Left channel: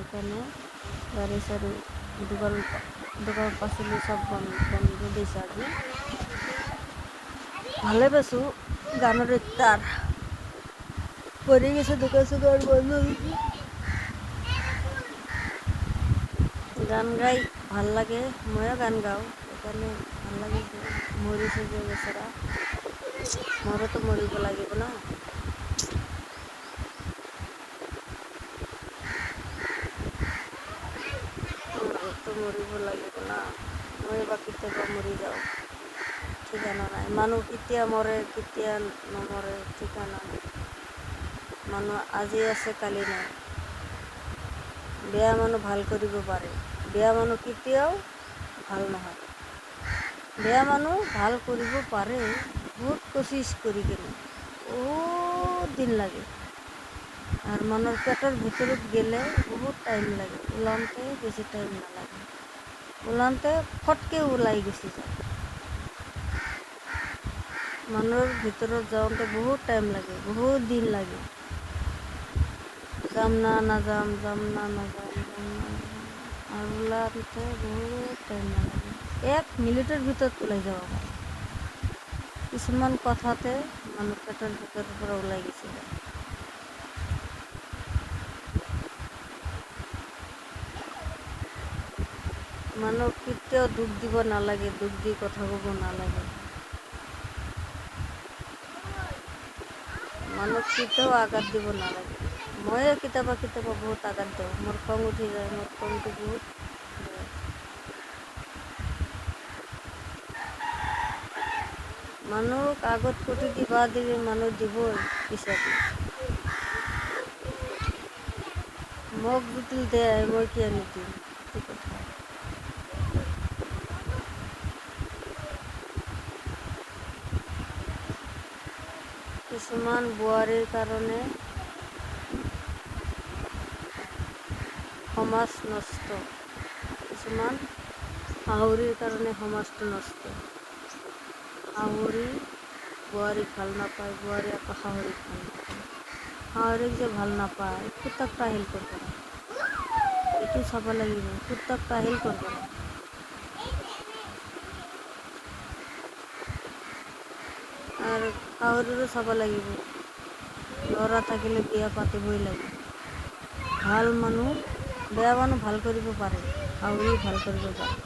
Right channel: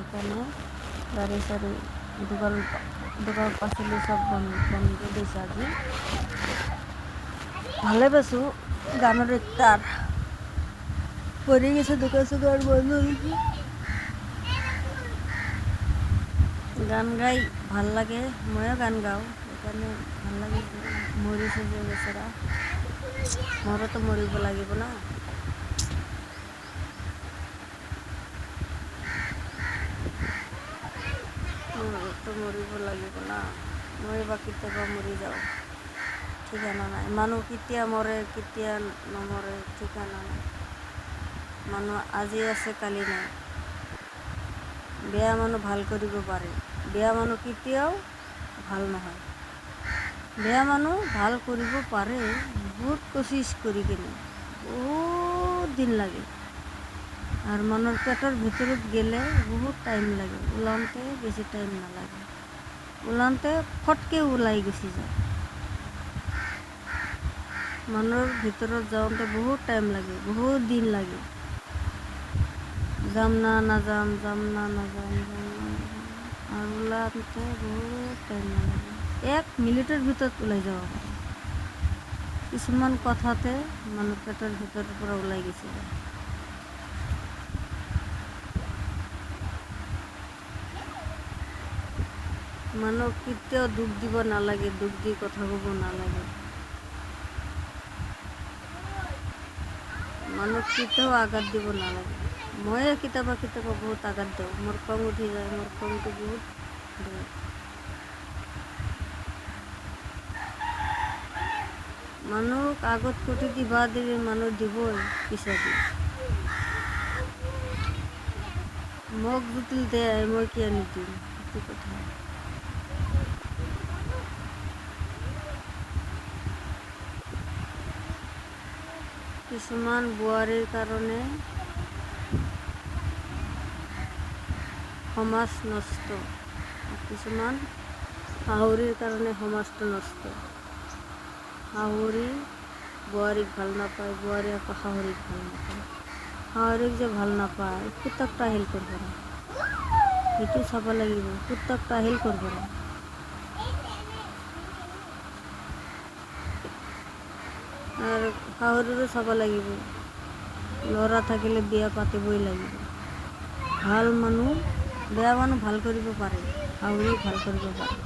এখানে গাড়ি সাৰি দোকান দোকান পাচলি সব বন্ধ দিয়েছে আজি ভালে পাইছো গানৰ তাৰ পৰি গেছে দোকান চোকান বন্ধ দিছে গান গাই ভাল লাগে ময়ো গান গাওঁ সেইকাৰণে ভাল লাগে মৰিছে যে বেচেৰা মোৰোতো মৰিব লাগিব না মোৰোতো মৰিব লাগিব না মই বা কেতিয়াবা মৰি যাওঁ ঠিকানা নাই মানুহ কেতিয়া মৰে কেতিয়া নমৰে ঠিকানা নাই মানুহ আজি আছে কালি নাই বেয়া মানুহ ভাল কৰিব পাৰে বেয়া মানুহ কেতিয়াও ভাল নহয় বেয়া মানুহ ভাল কৰিব পাৰে বহুত কোচিছ কৰি কিনে বহুত দিন লাগে আর মনের পেটের ভিতরত গেলে বহুত টাইম লাগে ওলানতে বেশি টাইম নালাগে ওলানতে ফটকে ওলাই গুচি যায় মনের ভিতরত যাওঁতে বহুত টাইম লাগে বহুত দিন লাগে যাম না নাযাম যাম না নাযাম যাম না আর ওলানতে বহুত টাইম নালাগে 1 মিনিটের ভিতৰত ওলাই যাব পাৰে কিছুমান কথাতে মনেৰ পেটেৰ ভিতৰেৰ পৰা ওলাই গুচি যায় মানুহ কেতিয়াও দুখ দিব নালাগে দুখ দি কথা ক'ব নালাগে মানুহ কেতিয়াও আঘাত দিব নালাগে ময়ে কেতিয়াবা বহুত আঘাত দিওঁ মোৰ খং উঠি যায় মোৰ খংটো বহুত বেয়া মানুহক আগত কটি দিবা দিলে মানুহ দিবই পিছাদি মোক যদি দেয় মই কিয় নিদিম সেইটো কথা কিছুমান বোৱাৰীৰ কাৰণে সমাজ নষ্ট কিছুমান শাহুৰিৰ কাৰণে সমাজটো নষ্ট শাহুৰি বোৱাৰীক ভাল নাপায় বোৱাৰী আকৌ শাহুৰিক ভাল নাপায় শাহুৰিক যে ভাল নাপায় পুতক টাহিল কৰিব না এইটো চাব লাগিব পুতক টাহিল কৰিব না আৰু শাহুৰিৰো চাব লাগিব ল'ৰা থাকিলে বিয়া পাতিবই লাগিব ভাল মানুহ বেয়া মানুহ ভাল কৰিব পাৰে শাহুৰি ভাল কৰিব পাৰে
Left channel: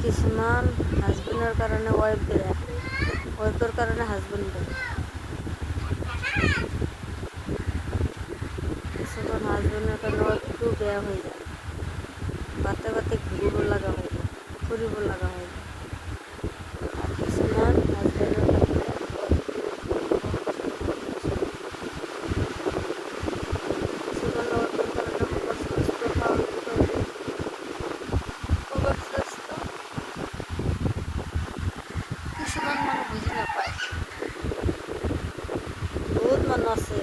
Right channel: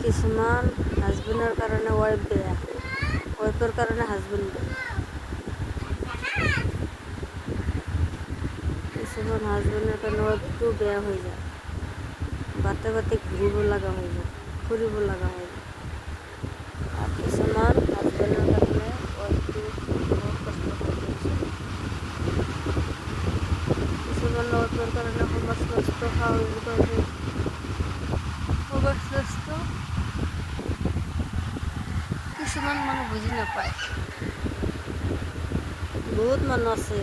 কিছুমান হাজবেণ্ডৰ কাৰণে ৱাইফ বেয়া ৱাইফৰ কাৰণে হাজবেণ্ড বেয়া কিছুমান হাজবেণ্ডৰ কাৰণে ৱাইফটো বেয়া হৈ যায় বাটে বাটে ঘূৰিব লগা হৈ যায় ফুৰিব লগা হৈ যায় আৰু কিছুমান হাজবেণ্ডৰ কাৰণে ৱাইফটো কিছুমান ৱাইফৰ কাৰণে সমাজ নষ্ট শাহুৰিৰ কাৰণে সমাজ নষ্ট কিছুমান মানুহ বুজি নাপায় বহুত মানুহ আছে